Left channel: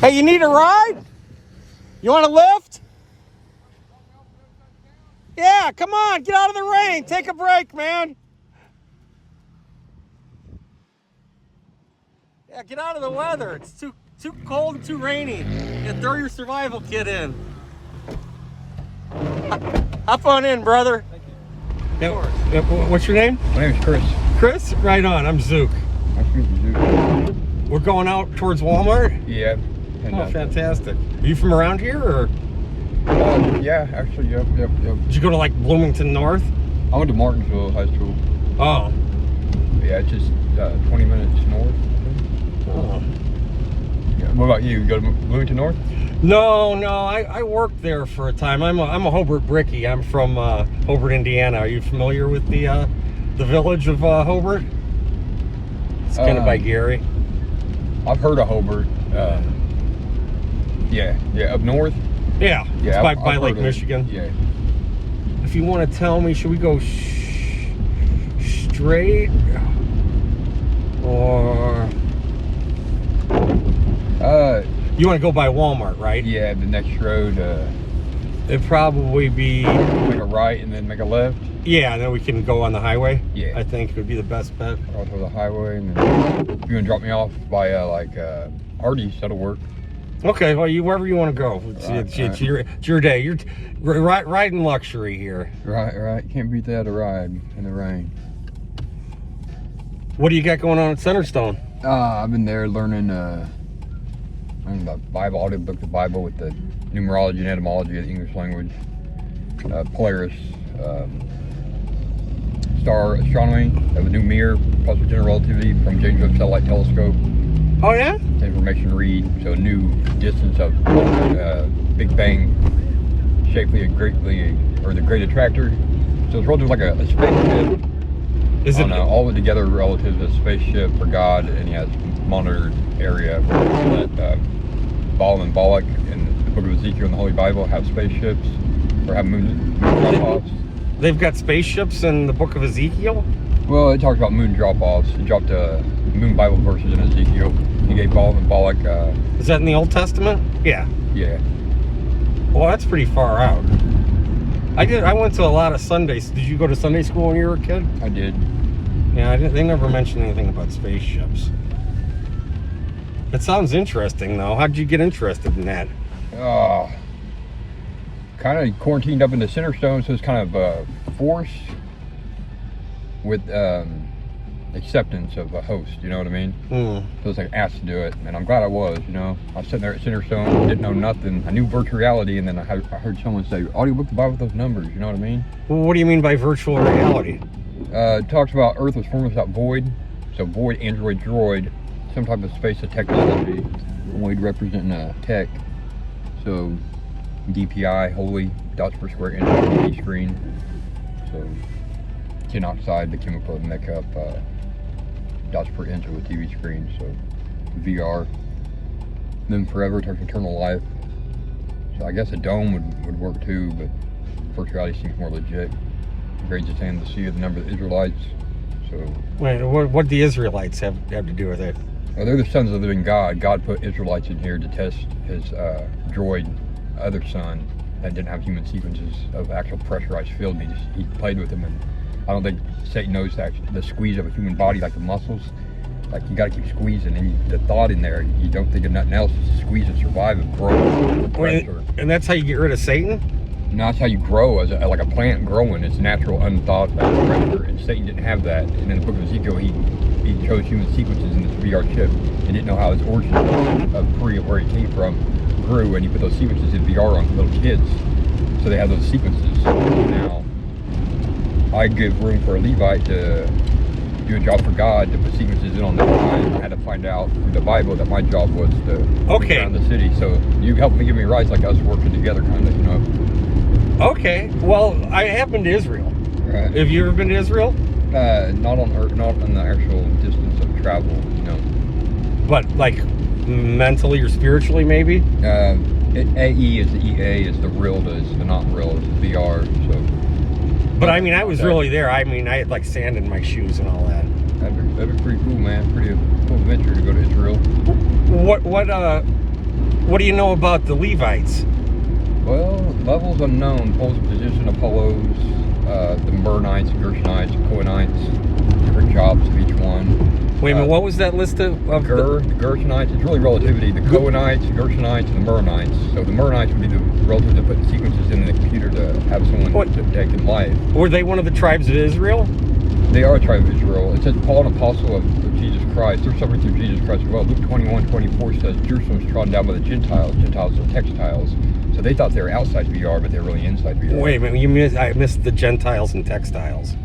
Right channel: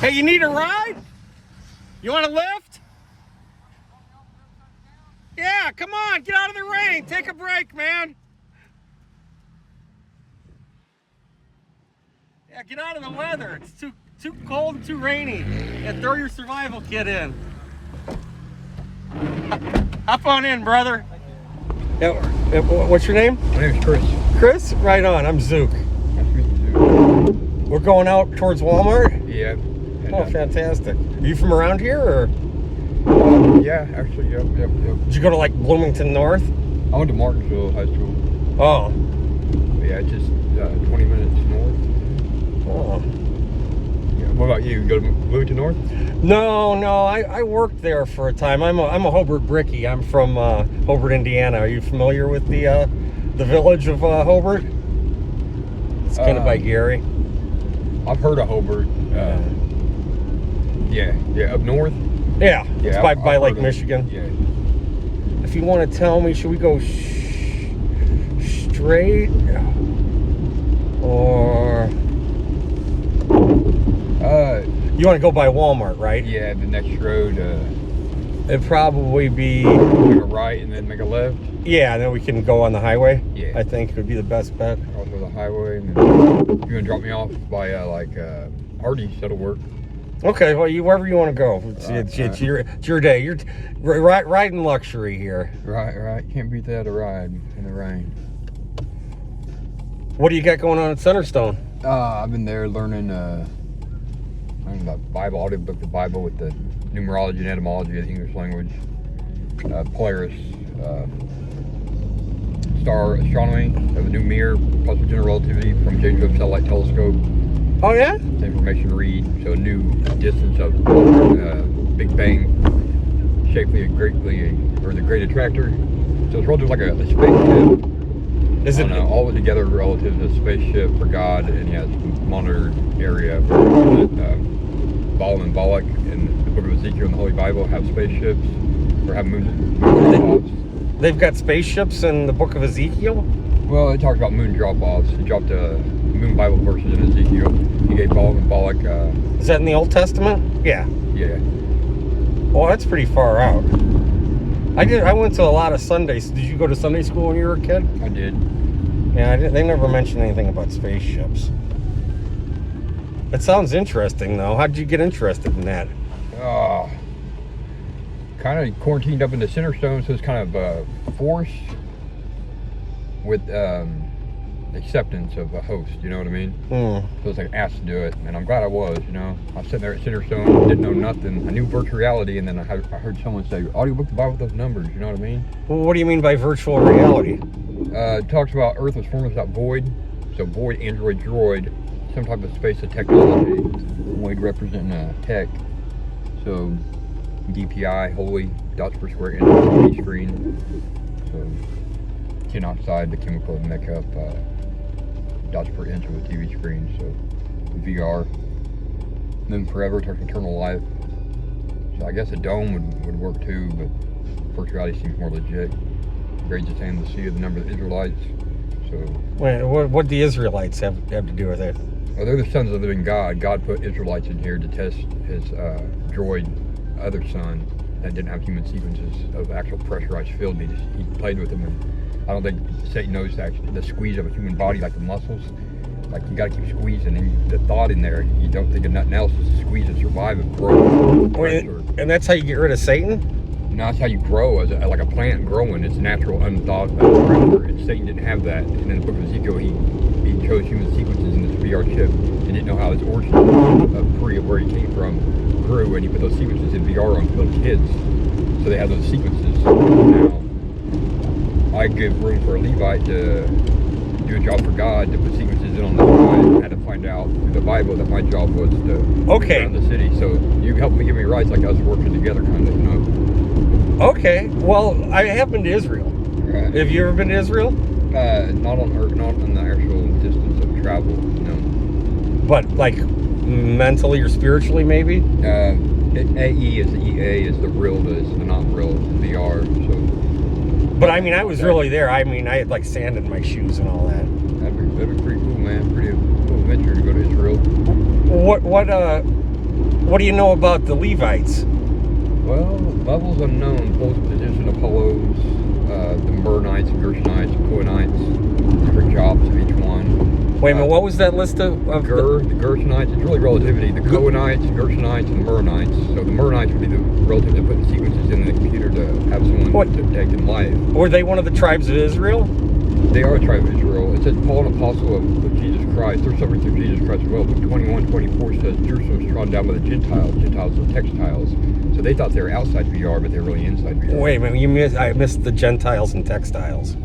Hey, you need a ride? You want a lift? Yeah, come on, get out of the rain. Take a break, man. Yeah, get out of the weather. It's too cold and too rainy. Yeah, throw your survival kit in. Hop on in, brother. Yeah, what's your name? My name's Chris. Chris? Right on. I'm Zook. Nice to meet you, Zook. We're going out towards Walmart? Yeah. Oh, fantastic. Are you from around here, or? Yeah, actually, yep. Did you go to, like, Bloomington North? I went to Martinsville High School. Oh. Yeah, just 20 minutes north. Oh. Yeah. What about you? You go to Bloomington North? No, I worked there for a time. I'm a Hobart Brickie. I'm from Hobart, Indiana. Are you familiar with the village of Hobart? It's kind of by Gary. I've heard of Hobart. Yeah, up north. Yeah, it's by Lake Michigan. Yeah. If you want to tell me, should we go straight or? You want to go by Walmart, right? Yeah, the next road. It'd probably be make a right and then make a left. Yeah, and then we can go on the highway. Yeah, I think would be the best bet. I'll go to the highway, and then you're gonna drop me off by Hardee's. That'll work. Okay, well, wherever you want to go. It's your day. You're riding luxury here. Right. Can't beat that, a ride in the rain. What do you got going on at Centerstone? I've been there learning the Bible, audiobook, the Bible with the numerology and etymology of the English language. Polaris, star astronomy, have a new mirror, plus general relativity from James Webb Satellite Telescope. Oh yeah? Information read, so a new distance of Big Bang, shapely and greatly, or the Great Attractor. So it's relative like a spaceship. Is it all together relative to a spaceship for God, and he has monitored area where Baal and Balak in the book of Ezekiel in the Holy Bible have spaceships or have moon drop-offs. They've got spaceships in the book of Ezekiel? Well, it talks about moon drop-offs. It dropped moon Bible verses in Ezekiel. He gave Baal and Balak. Is that in the Old Testament? Yeah. Yeah. Well, that's pretty far out. I went to a lot of Sundays. Did you go to Sunday school when you were a kid? I did. Yeah, they never mentioned anything about spaceships. It sounds interesting, though. How did you get interested in that? Kind of quarantined up in the Centerstone, so it's kind of forced with acceptance of a host, you know what I mean? So it's like asked to do it, and I'm glad I was, you know. I was sitting there at Centerstone, didn't know nothing. I knew virtual reality, and then I heard someone say, audiobook the Bible with those numbers, you know what I mean? Well, what do you mean by virtual reality? It talks about Earth was formed without void, so void, android, droid, some type of space of technology, void representing tech, so DPI, holy, dots per square inch on the TV screen, so tin oxide, the chemical that make up dots per inch on the TV screen, so VR, then forever, talks eternal life, so I guess a dome would work too, but virtual reality seems more legit. Great to stand the sea of the number of the Israelites. So wait, what do the Israelites have to do with it? Well, they're the sons of the living God. God put Israelites in here to test his droid, other son, that didn't have human sequences of actual pressurized field. He played with them, and I don't think Satan knows the squeeze of a human body, like the muscles. Like you got to keep squeezing, and the thought in there, you don't think of nothing else. Just squeeze and survive and grow. And that's how you get rid of Satan? No, that's how you grow, as like a plant growing. It's natural, unthought predator, and Satan didn't have that. And in the book of Ezekiel, he chose human sequences in this VR chip and didn't know how his origin of where he came from grew, and he put those sequences in VR on little kids, so they have those sequences. Now, I give room for a Levite to do a job for God, to put sequences in on the one. I had to find out through the Bible that my job was to look around the city. So you help me give me rights, like us working together, kind of, you know. Okay, well, I have been to Israel. Right. Have you ever been to Israel? Not on Earth, not on the actual distance of travel, no. But like mentally or spiritually, maybe? AE is the EA, is the real, is the not real, is the VR. So. But I mean, I was really there. I mean, I had like sand in my shoes and all that. That'd be pretty cool, man. Pretty cool adventure to go to Israel. What do you know about the Levites? Well, levels unknown. Poles of position, Apollos, the Mernites, Gershonites, Cohenites, different jobs of each one. Wait a minute, what was that list of the Gershonites? It's really relativity. The Cohenites, Gershonites, and the Mernites. So the Mernites would be the relatives that put the sequences in the computer to have someone detect in life. Were they one of the tribes of Israel? They are a tribe of Israel. It says Paul, an apostle of Jesus Christ. They're suffering through Jesus Christ. Well, Luke 21:24 says Jerusalem is trodden down by the Gentiles. Gentiles are textiles. So they thought they were outside VR, but they're really inside VR. Wait a minute, I missed the Gentiles and textiles.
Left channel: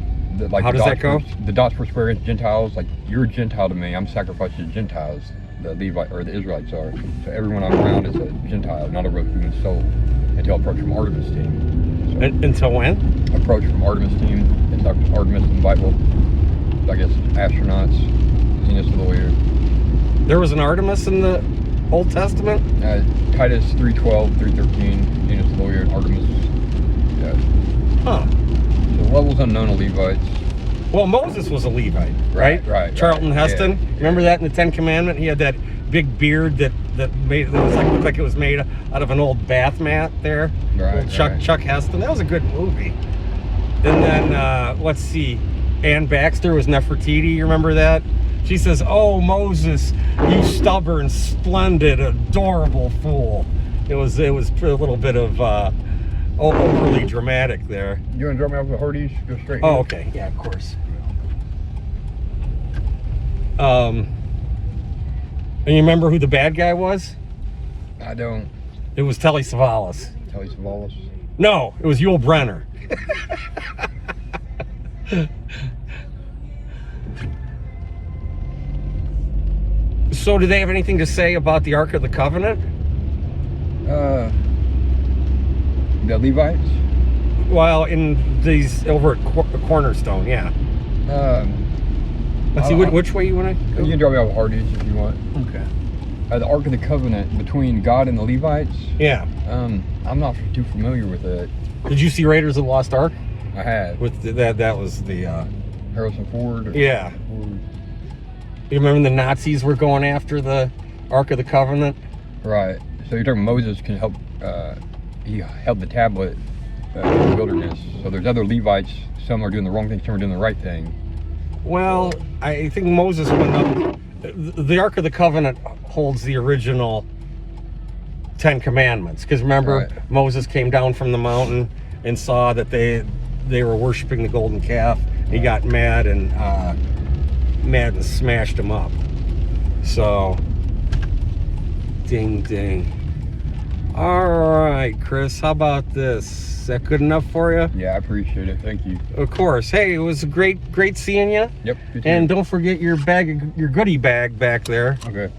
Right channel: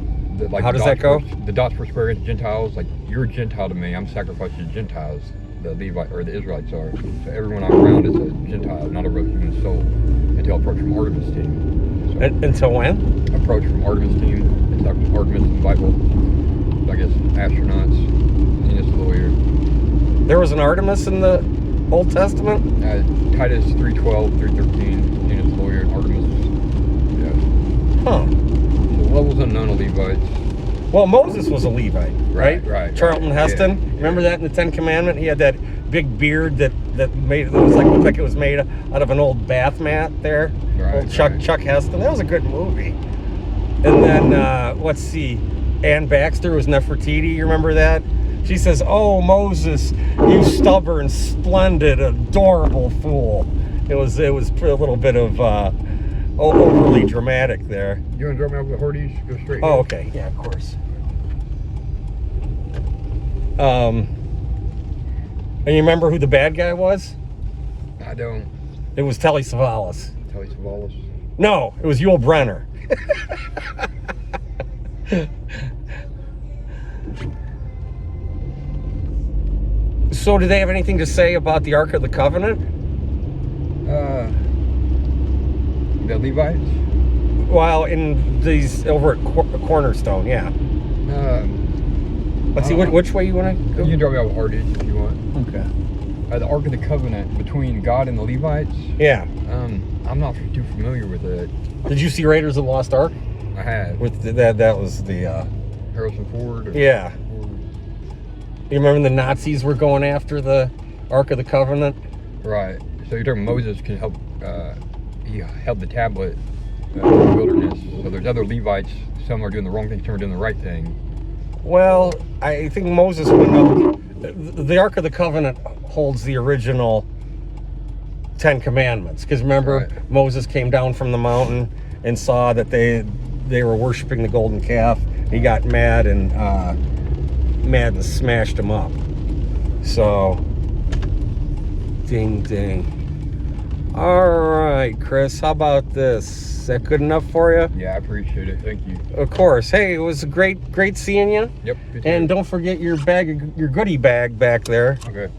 How does that go? The dots per square inch Gentiles, like you're a Gentile to me, I'm sacrificed to Gentiles. The Levite or the Israelites are. So everyone I'm around is a Gentile, not a real human soul. Until approach from Artemis team. So, until when? Approach from Artemis team. It's Artemis in the Bible. I guess astronauts, Venus lawyer. There was an Artemis in the Old Testament? Titus 3:12, 3:13, Venus lawyer, Artemis. Yeah. Huh. So levels unknown of Levites. Well, Moses was a Levite, right? Right. Charlton Heston. Yeah. Remember that in the Ten Commandments? He had that big beard that looked like it was made out of an old bath mat there. Right. Chuck Heston. That was a good movie. And then let's see, Ann Baxter was Nefertiti. You remember that? She says, "Oh Moses, you stubborn, splendid, adorable fool." It was a little bit of overly dramatic there. You want to drop me off the Hardee's? Go straight. Oh, okay. Yeah, of course. And you remember who the bad guy was? I don't. It was Telly Savalas. Telly Savalas? No, it was Yul Brynner. So, do they have anything to say about the Ark of the Covenant? The Levites? Well, in these over at Cornerstone, yeah. Let's see, which way you want to go? You can drop me off at Hardee's if you want. Okay. The Ark of the Covenant between God and the Levites? Yeah. I'm not too familiar with it. Did you see Raiders of the Lost Ark? I had. With that was the Harrison Ford? Yeah. You remember when the Nazis were going after the Ark of the Covenant? Right. So you're talking Moses can help, he held the tablet in the wilderness. So there's other Levites, some are doing the wrong thing, some are doing the right thing. Well, I think Moses went up. The Ark of the Covenant holds the original 10 Commandments. Because remember, Right. Moses came down from the mountain and saw that they were worshiping the golden calf. He got mad and smashed him up. So, ding, ding. All right, Chris, how about this? Is that good enough for you? Yeah, I appreciate it. Thank you. Of course. Hey, it was great seeing you. Yep. You too. And don't forget your goodie bag back there. Okay.